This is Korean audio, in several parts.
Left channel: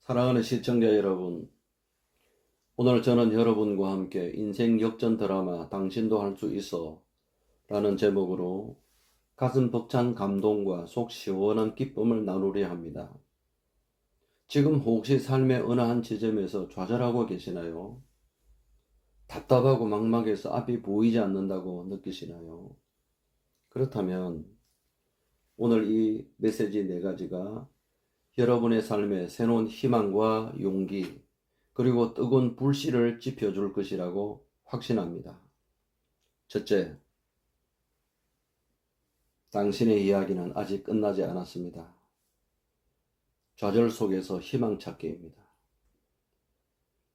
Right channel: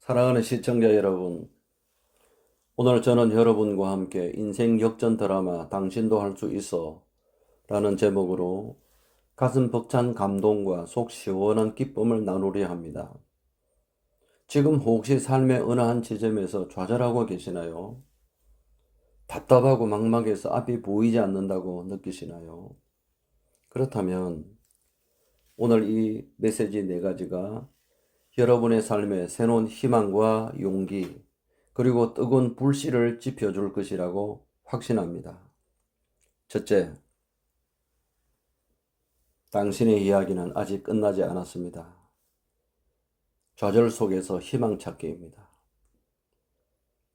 사랑하는 시청자 여러분, 오늘 저는 여러분과 함께 인생 역전 드라마 당신도 할 수 있어 라는 제목으로 가슴 벅찬 감동과 속 시원한 기쁨을 나누려 합니다. 지금 혹시 삶의 어느 한 지점에서 좌절하고 계시나요? 답답하고 막막해서 앞이 보이지 않는다고 느끼시나요? 그렇다면 오늘 이 메시지 네 가지가 여러분의 삶에 새로운 희망과 용기, 그리고 뜨거운 불씨를 지펴줄 것이라고 확신합니다. 첫째, 당신의 이야기는 아직 끝나지 않았습니다. 좌절 속에서 희망 찾기입니다.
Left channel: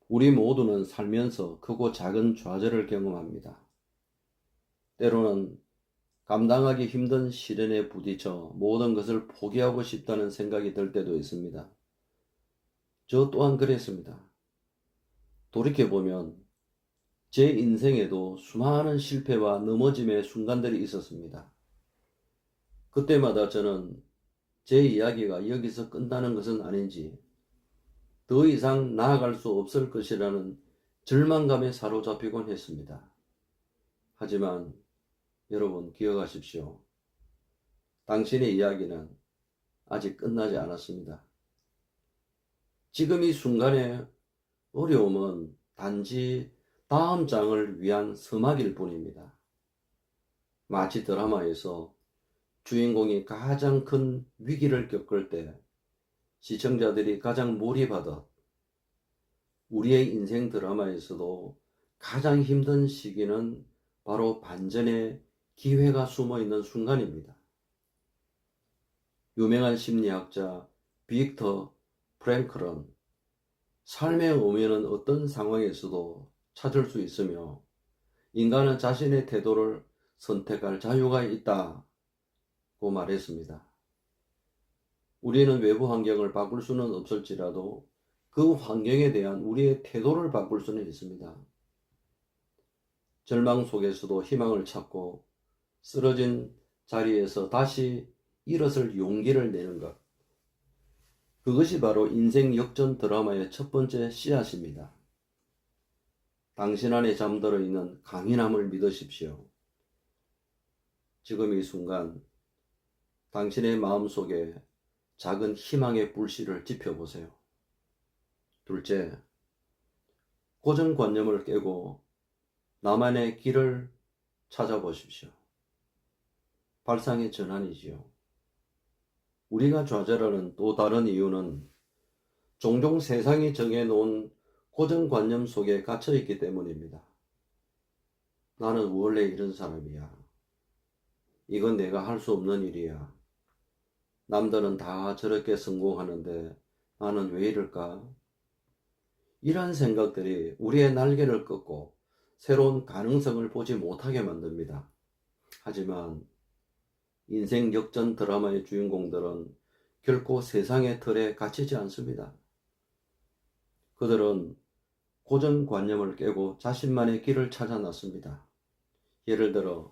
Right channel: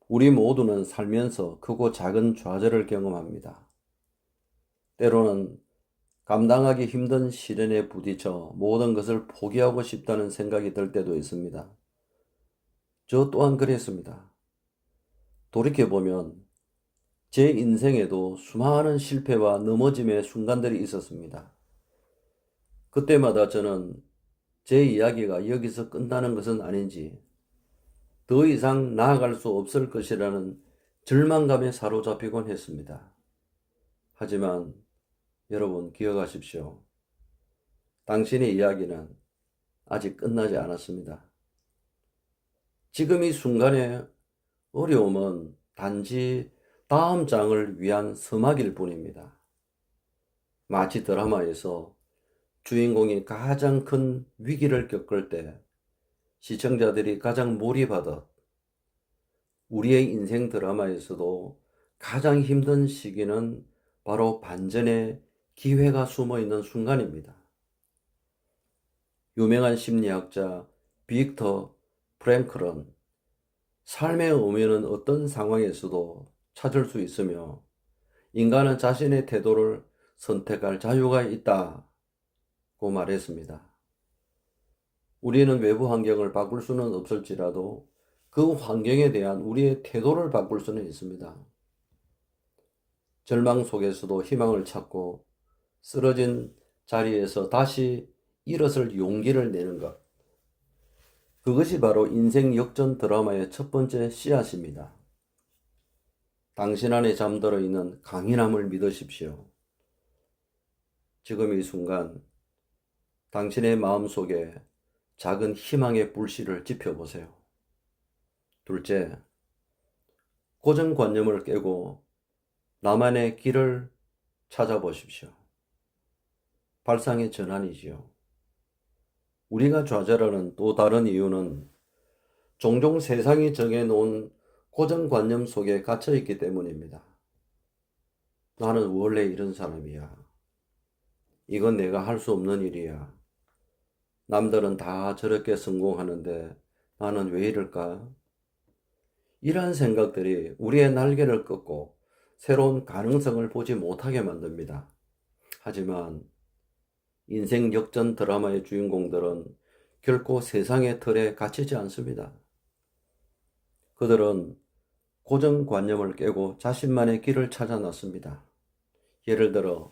우리 모두는 살면서 크고 작은 좌절을 경험합니다. 때로는 감당하기 힘든 시련에 부딪혀 모든 것을 포기하고 싶다는 생각이 들 때도 있습니다. 저 또한 그랬습니다. 돌이켜보면 제 인생에도 수많은 실패와 넘어짐의 순간들이 있었습니다. 그때마다 저는 제 이야기가 여기서 끝나는 것은 아닌지, 더 이상 나아갈 수 없을 것이라는 절망감에 사로잡히곤 했습니다. 하지만 여러분 기억하십시오. 당신의 이야기는 아직 끝나지 않았습니다. 지금 이 순간의 어려움은 단지 다음 장을 위한 서막일 뿐입니다. 마치 드라마에서 주인공이 가장 큰 위기를 겪을 때 시청자들이 가장 몰입하듯 우리의 인생 드라마에서도 가장 힘든 시기는 바로 반전의 기회가 숨어 있는 순간입니다. 유명한 심리학자 빅터 프랭클은 삶의 의미는 어떤 상황에서도 찾을 수 있으며 인간은 자신의 태도를 선택할 자유가 있다고 말했습니다. 우리는 외부 환경을 바꿀 수는 없을지라도 그 환경에 대한 우리의 태도를 바꿀 수는 있습니다. 절망 속에서도 희망을 찾고 쓰러진 자리에서 다시 일어설 용기를 내는 것. 그것이 바로 인생 역전 드라마의 첫 번째 씨앗입니다. 당신 안에 잠들어 있는 강인함을 믿으십시오. 지금 이 순간 당신의 마음속에 작은 희망의 불씨를 지펴보세요. 둘째, 고정관념을 깨고 나만의 길을 찾아보십시오. 발상의 전환이지요. 우리가 좌절하는 또 다른 이유는 종종 세상이 정해놓은 고정관념 속에 갇혀있기 때문입니다. 나는 원래 이런 사람이야. 이건 내가 할 수 없는 일이야. 남들은 다 저렇게 성공하는데 나는 왜 이럴까? 이런 생각들이 우리의 날개를 꺾고 새로운 가능성을 보지 못하게 만듭니다. 하지만 인생 역전 드라마의 주인공들은 결코 세상의 틀에 갇히지 않습니다. 그들은 고정관념을 깨고 자신만의 길을 찾아 나섭니다. 예를 들어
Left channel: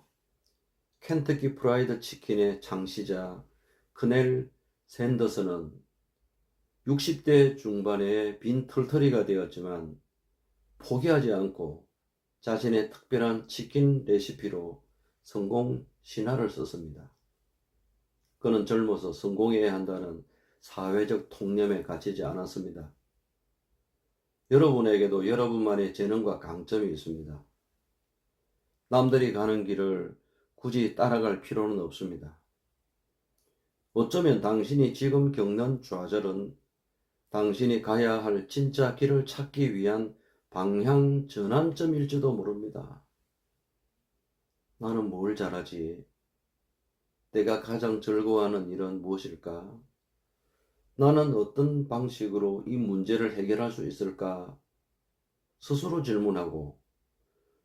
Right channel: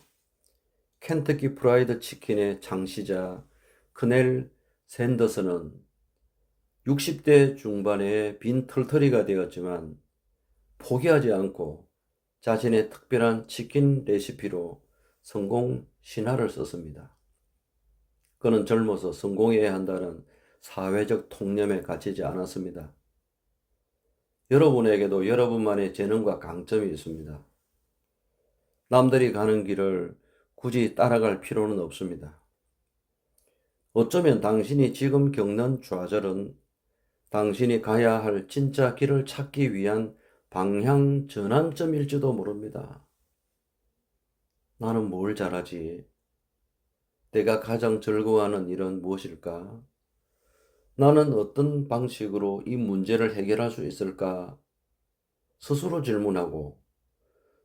켄터키 프라이드 치킨의 창시자 크넬 샌더스는 60대 중반에 빈 털터리가 되었지만 포기하지 않고 자신의 특별한 치킨 레시피로 성공 신화를 썼습니다. 그는 젊어서 성공해야 한다는 사회적 통념에 갇히지 않았습니다. 여러분에게도 여러분만의 재능과 강점이 있습니다. 남들이 가는 길을 굳이 따라갈 필요는 없습니다. 어쩌면 당신이 지금 겪는 좌절은 당신이 가야 할 진짜 길을 찾기 위한 방향 전환점일지도 모릅니다. 나는 뭘 잘하지? 내가 가장 즐거워하는 일은 무엇일까? 나는 어떤 방식으로 이 문제를 해결할 수 있을까? 스스로 질문하고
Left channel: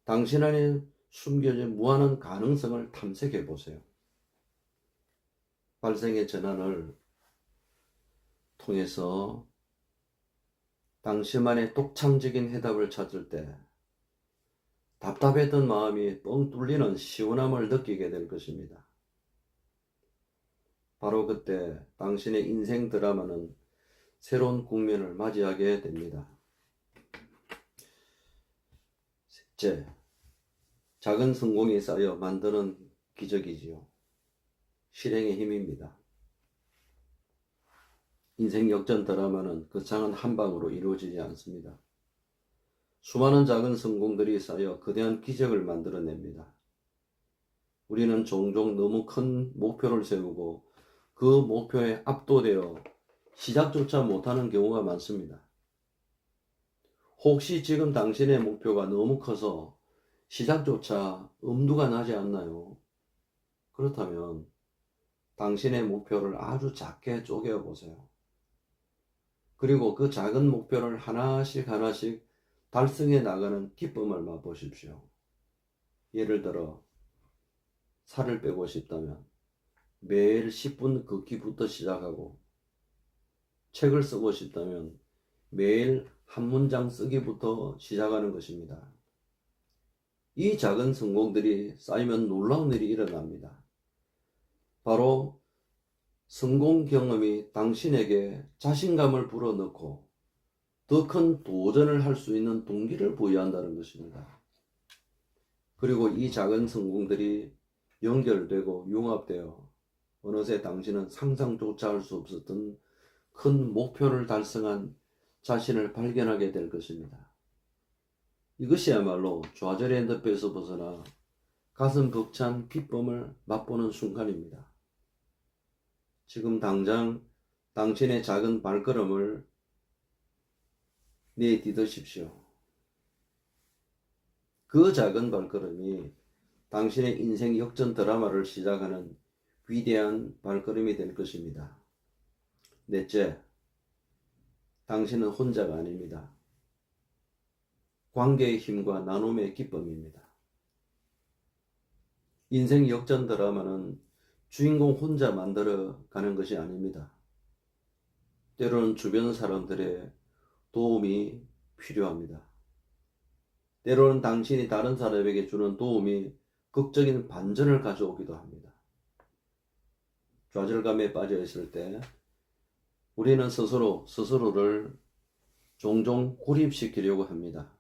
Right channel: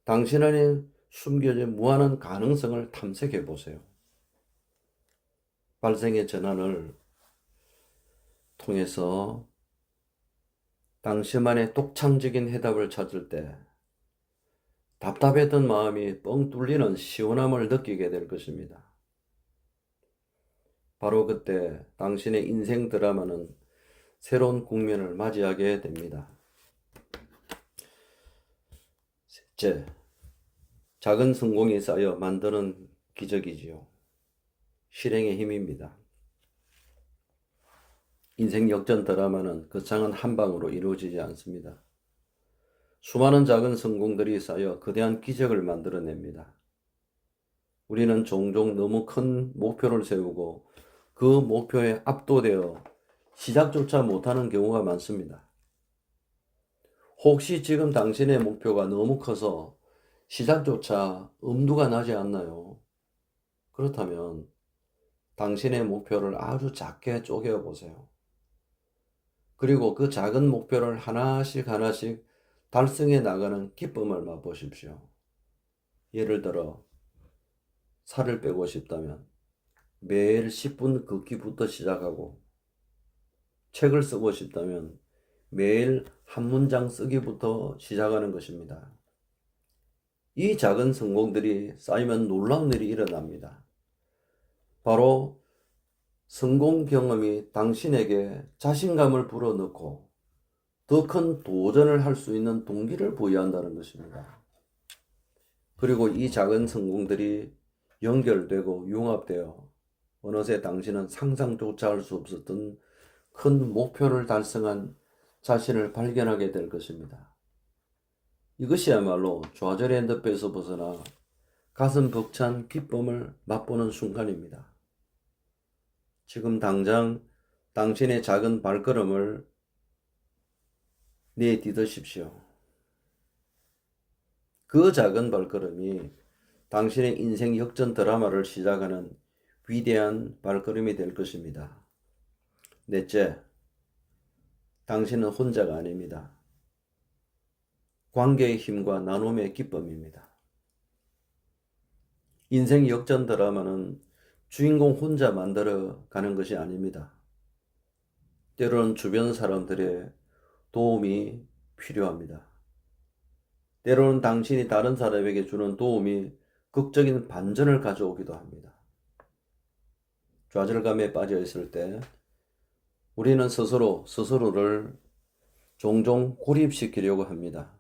당신 안에 숨겨진 무한한 가능성을 탐색해 보세요. 발생의 전환을 통해서 당신만의 독창적인 해답을 찾을 때 답답했던 마음이 뻥 뚫리는 시원함을 느끼게 될 것입니다. 바로 그때 당신의 인생 드라마는 새로운 국면을 맞이하게 됩니다. 셋째, 작은 성공이 쌓여 만드는 기적이지요. 실행의 힘입니다. 인생 역전 드라마는 그 장은 한 방으로 이루어지지 않습니다. 수많은 작은 성공들이 쌓여 거대한 기적을 만들어냅니다. 우리는 종종 너무 큰 목표를 세우고 그 목표에 압도되어 시작조차 못하는 경우가 많습니다. 혹시 지금 당신의 목표가 너무 커서 시작조차 엄두가 나지 않나요? 그렇다면 당신의 목표를 아주 작게 쪼개어 보세요. 그리고 그 작은 목표를 하나씩 달성해 나가는 기쁨을 맛보십시오. 예를 들어 살을 빼고 싶다면 매일 10분 걷기부터 시작하고, 책을 쓰고 싶다면 매일 한 문장 쓰기부터 시작하는 것입니다. 이 작은 성공들이 쌓이면 놀라운 일이 일어납니다. 바로 성공 경험이 당신에게 자신감을 불어넣고 더 큰 도전을 할 수 있는 동기를 부여한다는 것입니다. 그리고 이 작은 성공들이 연결되고 융합되어 어느새 당신은 상상조차 할 수 없었던 큰 목표를 달성한 자신을 발견하게 될 것입니다. 이것이야말로 좌절의 늪에서 벗어나 가슴 벅찬 기쁨을 맛보는 순간입니다. 지금 당장 당신의 작은 발걸음을 내딛으십시오. 그 작은 발걸음이 당신의 인생 역전 드라마를 시작하는 위대한 발걸음이 될 것입니다. 넷째, 당신은 혼자가 아닙니다. 관계의 힘과 나눔의 기쁨입니다. 인생 역전 드라마는 주인공 혼자 만들어 가는 것이 아닙니다. 때로는 주변 사람들의 도움이 필요합니다. 때로는 당신이 다른 사람에게 주는 도움이 극적인 반전을 가져오기도 합니다. 좌절감에 빠져 있을 때 우리는 스스로를 종종 고립시키려고 합니다.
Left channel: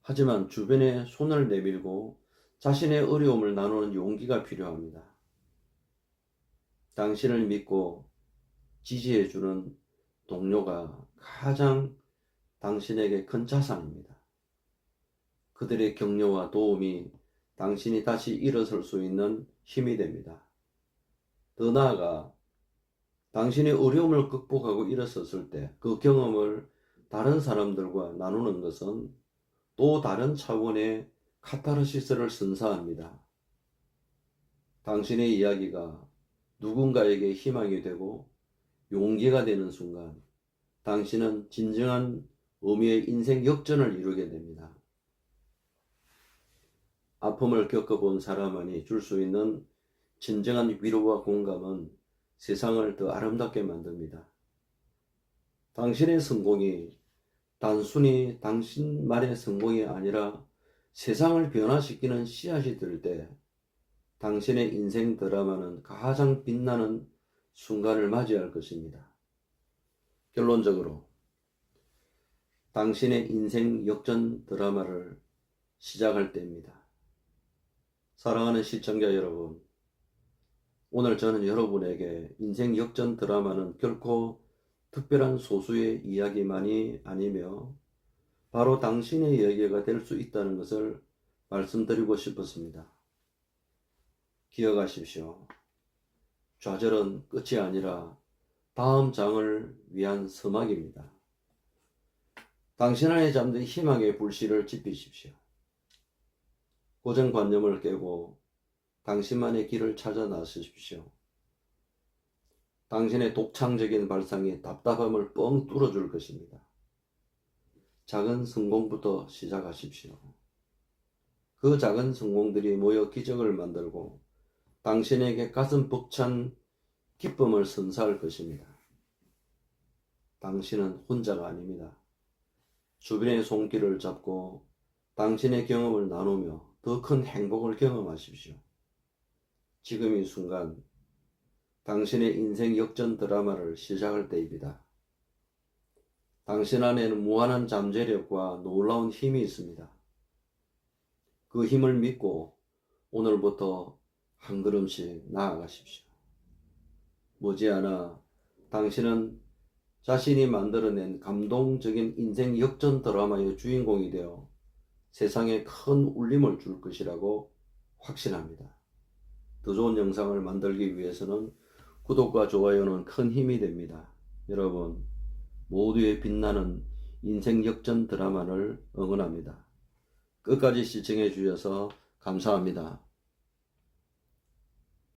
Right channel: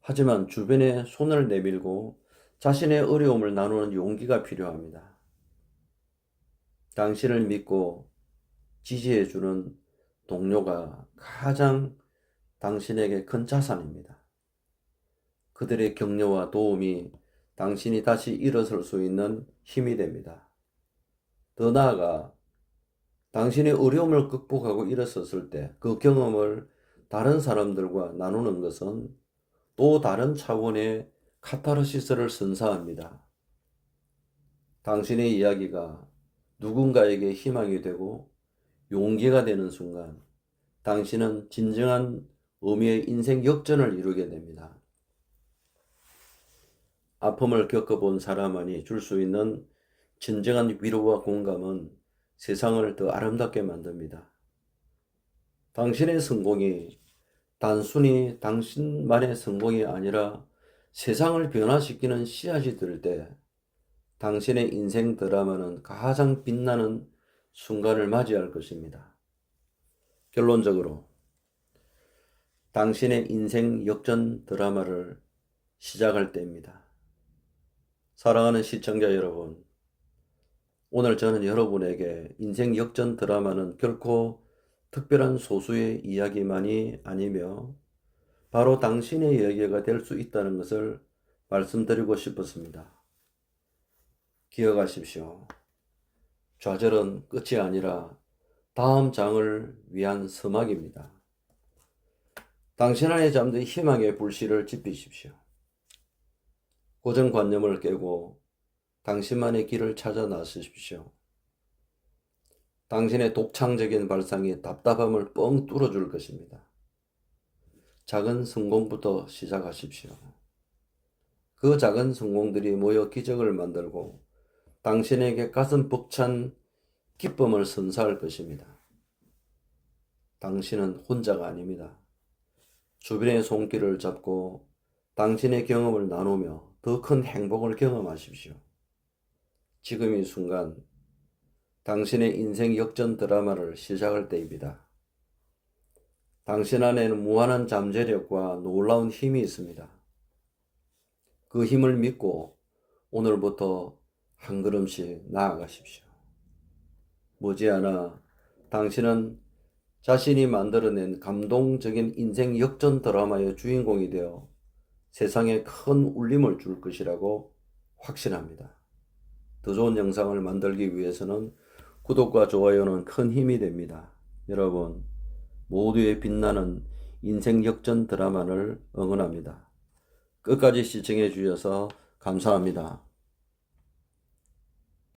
하지만 주변에 손을 내밀고 자신의 어려움을 나누는 용기가 필요합니다. 당신을 믿고 지지해주는 동료가 가장 당신에게 큰 자산입니다. 그들의 격려와 도움이 당신이 다시 일어설 수 있는 힘이 됩니다. 더 나아가 당신의 어려움을 극복하고 일어섰을 때 그 경험을 다른 사람들과 나누는 것은 또 다른 차원의 카타르시스를 선사합니다. 당신의 이야기가 누군가에게 희망이 되고 용기가 되는 순간 당신은 진정한 의미의 인생 역전을 이루게 됩니다. 아픔을 겪어본 사람만이 줄 수 있는 진정한 위로와 공감은 세상을 더 아름답게 만듭니다. 당신의 성공이 단순히 당신만의 성공이 아니라 세상을 변화시키는 씨앗이 될 때 당신의 인생 드라마는 가장 빛나는 순간을 맞이할 것입니다. 결론적으로 당신의 인생 역전 드라마를 시작할 때입니다. 사랑하는 시청자 여러분, 오늘 저는 여러분에게 인생 역전 드라마는 결코 특별한 소수의 이야기만이 아니며 바로 당신의 이야기가 될 수 있다는 것을 말씀드리고 싶었습니다. 기억하십시오. 좌절은 끝이 아니라 다음 장을 위한 서막입니다. 당신 안에 잠든 희망의 불씨를 지피십시오. 고정관념을 깨고 당신만의 길을 찾아 나서십시오. 당신의 독창적인 발상이 답답함을 뻥 뚫어줄 것입니다. 작은 성공부터 시작하십시오. 그 작은 성공들이 모여 기적을 만들고 당신에게 가슴 벅찬 기쁨을 선사할 것입니다. 당신은 혼자가 아닙니다. 주변의 손길을 잡고 당신의 경험을 나누며 더 큰 행복을 경험하십시오. 지금 이 순간 당신의 인생 역전 드라마를 시작할 때입니다. 당신 안에는 무한한 잠재력과 놀라운 힘이 있습니다. 그 힘을 믿고 오늘부터 한 걸음씩 나아가십시오. 머지않아 당신은 자신이 만들어낸 감동적인 인생 역전 드라마의 주인공이 되어 세상에 큰 울림을 줄 것이라고 확신합니다. 더 좋은 영상을 만들기 위해서는 구독과 좋아요는 큰 힘이 됩니다. 여러분, 모두의 빛나는 인생 역전 드라마를 응원합니다. 끝까지 시청해 주셔서 감사합니다.